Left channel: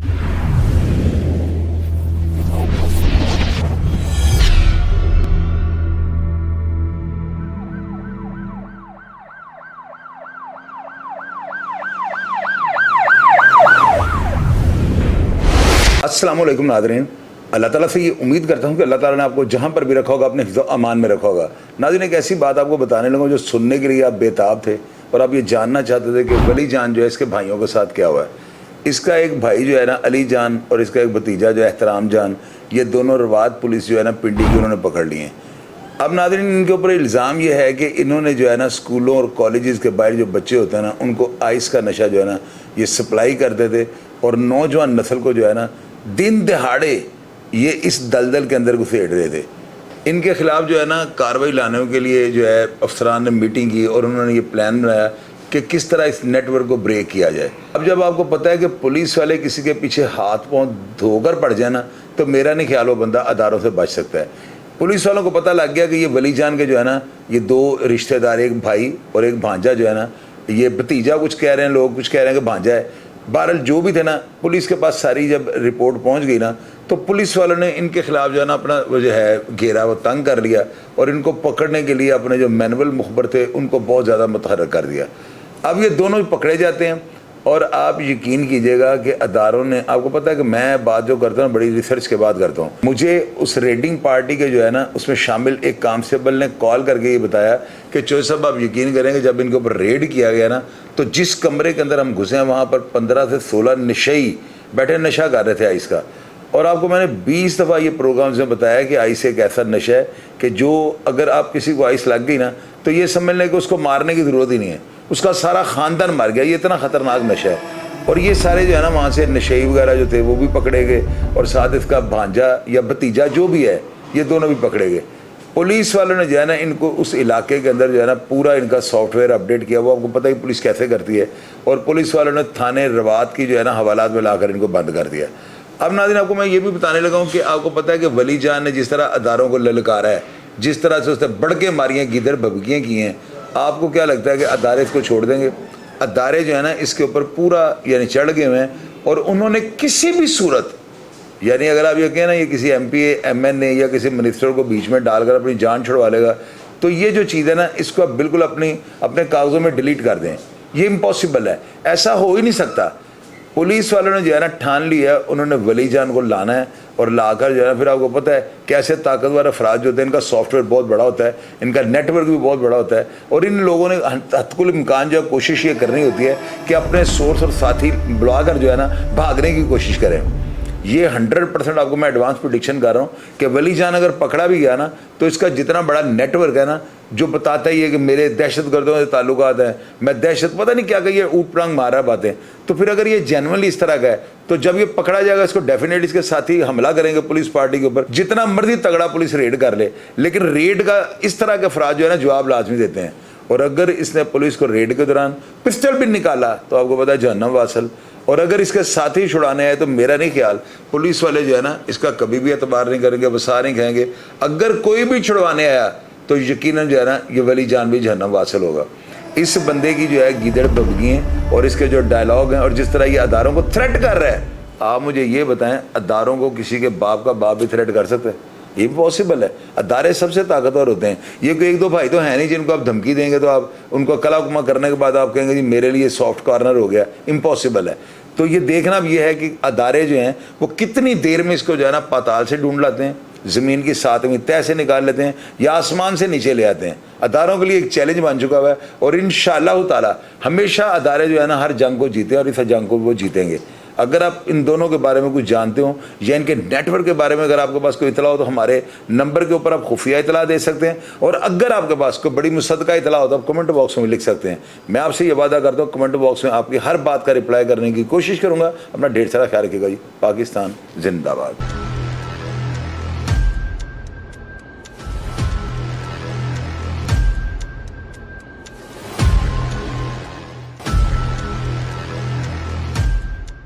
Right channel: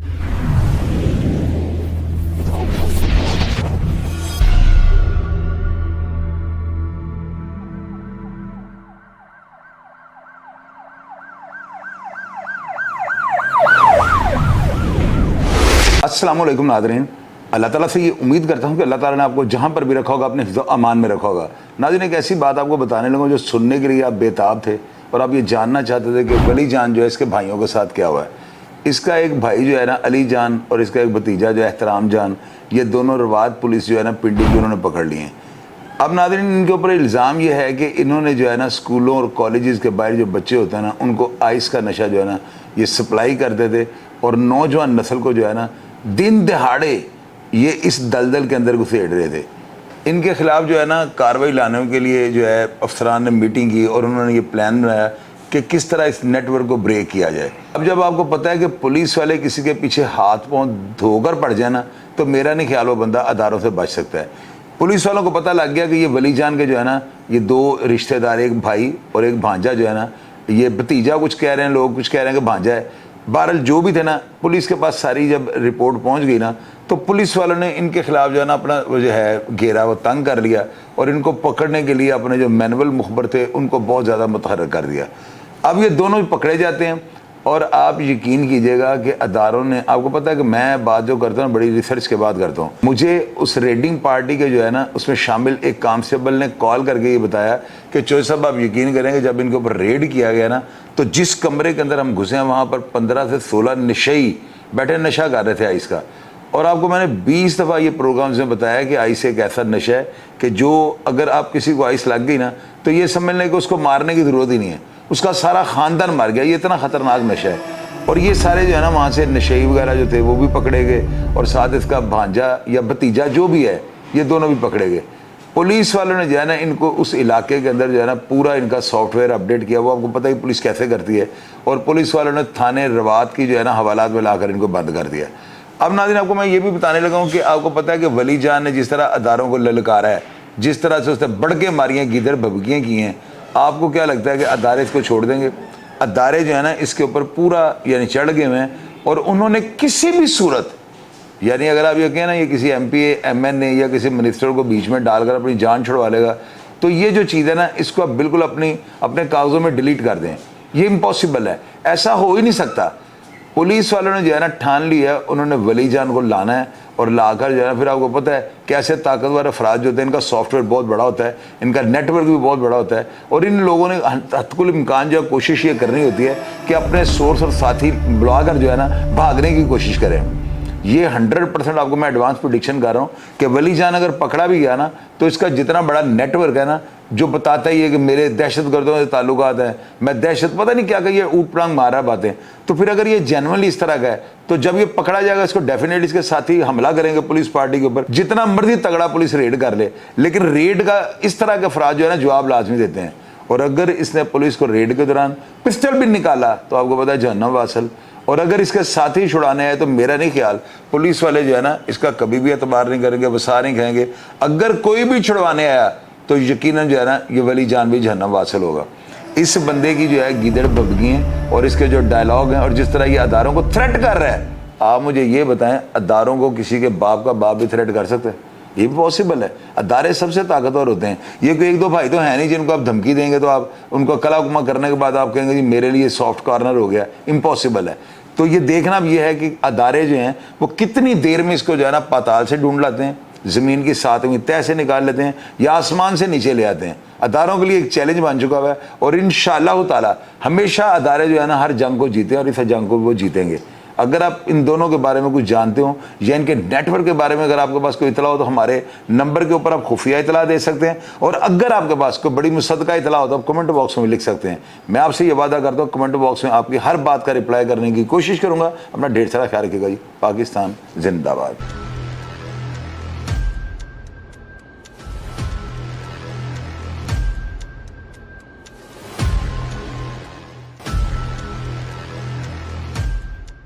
अस्सलाम वालेकुम नाज़रीन, अल्लाह ताला से ये उम्मीद करता हूँ कि अल्लाह ताला ने आपको जहाँ पर भी रखा होगा अपने हिफ्ज़ अमान में रखा होगा। नाज़रीन, एक ऐसी बात आपको बताने लगा जो सुनने के लिए आप बेताब थे और आप ये जानना चाहते थे कि वली जान जो है इसके भाइयों के साथ क्या हुआ है। इसका एक भाई जो है ना अली जान और इसका एक भतीजा जो है एहतराम जान, ये दोनों रवात पुलिस जो है ना पिंडी की उन्होंने पकड़ लिए हैं। अब नाज़रीन, इनके ऊपर इल्ज़ाम ये है कि इन्होंने जो है ना स्कूलों और कॉलेजेस के बाहर जो बच्चे होते हैं ना उनको आइस का नशा जो है ना ये सप्लाई करते थे और नौजवान नस्ल को जो है ना दिन दहाड़े ये इस दलदल के अंदर घुसेड़ रहे थे। इनके खिलाफ जो है ना कार्रवाई लाने के लिए जो है अफसरान ने मीटिंग की और उन्होंने ये प्लान बनाया कि किस तरह इस नेटवर्क को ब्रेक किया जाए। अब जब आपको पता है कि पुलिस वाले किसी के पीछे हाथ पांव धोकर पड़ जाए ना, तो मेरा नहीं ख्याल वो बंदा अदारों से बच सकता है। पुलिस वालों को पता लग गया कि ये वली जान के जो है ना ये दो रिश्तेदार, एक भाई और एक भांजा जो है ना, ये भतीजा कुछ कह रहे हैं, लोग कुछ कह रहे हैं कि भांजा है। बहरहाल जो भी थे ना, पुलिस के पास सारी जब रिपोर्ट पहुंच गई ना, तो पुलिस वालों ने इनके खिलाफ जो है ना अपना जो है घेरा वो तंग कर लिया और इनको पकड़ने के लिए अपने जो मैनुअल मुखबर थे उनको बहुत ज़्यादा मुतहर्रिक कर दिया। अब ये दोनों पकड़े जाते हैं और आप यकीन कीजिएगा कि अदारों ने, आपको पता है कि मैं बात जो करता हूँ बड़ी रिसर्च के बाद करता हूँ। मुझे उस रेडिंग पार्टी के जो है ना उसमें शामिल एक कांस्टेबल ने कॉल करके ये बताया कि चौधरी साहब आप यकीन करेंगे जब इनके ऊपर रेड किया गया ना, तो जिस कमरे के अंदर हम घुसे हैं वहाँ पर 15 से 16 नशेई बैठे नशा कर रहे थे आइस का। और आपको मैंने 20 दफ़ा ये प्रोग्राम्स में बताया कि आइस एक ऐसा नशा है कि जो अगर आप किसी को आइस लग गई ना तो ये समझ लें कि उसको मारने की ज़रूरत ही नहीं है, उसका सारा ख़ानदान मर गया। ये इतना ख़तरनाक नशा है। और ये सारे जो है ना वहाँ से नशेई वगैरह जो थे वो भी पकड़े गए और साथ इसका भांजा या भतीजा जो भी है ये दोनों भी पकड़े गए। पुलिस वालों ने जो है ना इनको उस इलाके के अंदर जो है ना पूरा इनका सॉफ्टवेयर अपडेट किया। वो आपको पता है पुलिस कैसे करती है। और पुलिस वालों ने थाने रवात की जो है ना हवालात में लाकर इनको बंद कर दिया। अब नाज़रीन, आपको मैं ये भी बताने लगा हूँ कि आपको पता है कि वली जान ने जिस तरह अदारों को ललकारा है, जिस तरह से उसने बढ़ के मारियाँ गिदड़ भभकियाँ की हैं, आपको क्या लगता है कि अदारे इसको छोड़ देंगे? अदारे जो है ना इसके ऊपर पूरा यानी चढ़ गए हैं और उन्होंने किसी भी सूरत, यानी अगर आप ये कहें ना ये किसी MP MN या किसी मिनिस्टर को बीच में डालकर अपनी जान छुड़वा लेगा, तो ये जो चीज़ है ना इसको आप बिल्कुल अपने कागज़ों में डिलीट कर दें। ये इम्पॉसिबल है, ऐसा हो ही नहीं सकता। पुलिस वालों ने जो है ना ठान लिया, उन्होंने वली जान को लाना है और लाकर जो है फिर आपको पता है कैसे ताकतवर अफराद जो होते हैं, इनका सॉफ्टवेयर बहुत बड़ा होता है, इनका नेटवर्क भी बहुत बड़ा होता है और इन लोगों ने हतकुल इम्कान जो कोशिश ये करनी होती है कि अपने सोर्स और साथी बुलाकर जो है ना भागने की कोशिश करें। ये 100% आपको मैं एडवांस प्रेडिक्शन कर रहा हूँ कि वली जान अगर पकड़ा भी गया ना तो इसका जितना बड़ा नेटवर्क है ना जो बताता ही है कि मेरे दहशत गर्दों से ताल्लुकात हैं, मैं दहशत पता नहीं क्या कहिए ऊट प्रांग मारा बातें, तो फिर अगर ये जेन्युइनली इस तरह का है तो जब ये पकड़ा जाएगा इसको डेफिनेटली इसके साथी हमला करेंगे पुलिस पार्टी के ऊपर। जितना मर्जी तगड़ा पुलिस रेड कर ले, लेकिन रेड का इस तरह का अफराद जो है ना जवाब लाजमी देते हैं। और अगर इसने पुलिस को रेड के दौरान पिस्टल भी निकाला तो आपको पता है जहन्नम वासल। और अगर इसके साथी छुड़ाने आए तो मेरा नहीं ख्याल पुलिस वाले जो है ना इसका कभी भी एतबार नहीं करेंगे, वसा नहीं कहेंगे। अगर कोई भी छुड़वाने आया तो यकीनन जो है ना ये वली जान भी जहन्नम वासल होगा। इस बंदे की जो है गिदड़ भभकी हैं और इसके जो डायलॉग हैं और जिस तरह ये अदारों को थ्रेट कर रहा है, आप मुझे ये बताएं अदारों को किसी के बाप का बाप भी थ्रेट कर सकते हैं? ये भी पॉसिबल है। अदारे सबसे ताकतवर होते हैं। ये कोई एक दो भाई तो है नहीं जिनको आप धमकी देंगे तो आप उनको कलाकुमा करने के बाद आप कहेंगे कि मेरे लिए सॉफ्ट कॉर्नर हो गया। इम्पॉसिबल है। तो ये देखना भी ये है कि अदारे जो हैं वो कितनी देर में इसको जो है ना पाताल से ढूंढ लाते हैं, ज़मीन की 7वीं तह से निकाल लेते हैं या आसमान से नीचे ले आते हैं। अदारों के लिए एक चैलेंज बन चुका हुआ है और इंशाअल्लाह ताला हमेशा अदारे जो है ना हर जंग को जीते हैं और इस जंग को वो जीतेंगे। अगर आप इन दोनों के बारे में कुछ जानते हो या इनके नेटवर्क के बारे में अगर आपके पास कोई इतला हो तो हमारे नंबर के ऊपर आप खुफिया इतला दे सकते हैं। और अगर आपके पास कोई बड़ी मुसद्दका इतला हो तो आप कमेंट बॉक्स में लिख सकते हैं। मैं आपसे ये वादा करता हूँ कमेंट बॉक्स में आपकी हर बात का रिप्लाई करने की कोशिश करूँगा। अपना ढेर सारा ख्याल रखिएगा जी। पाकिस्तान जिंदाबाद।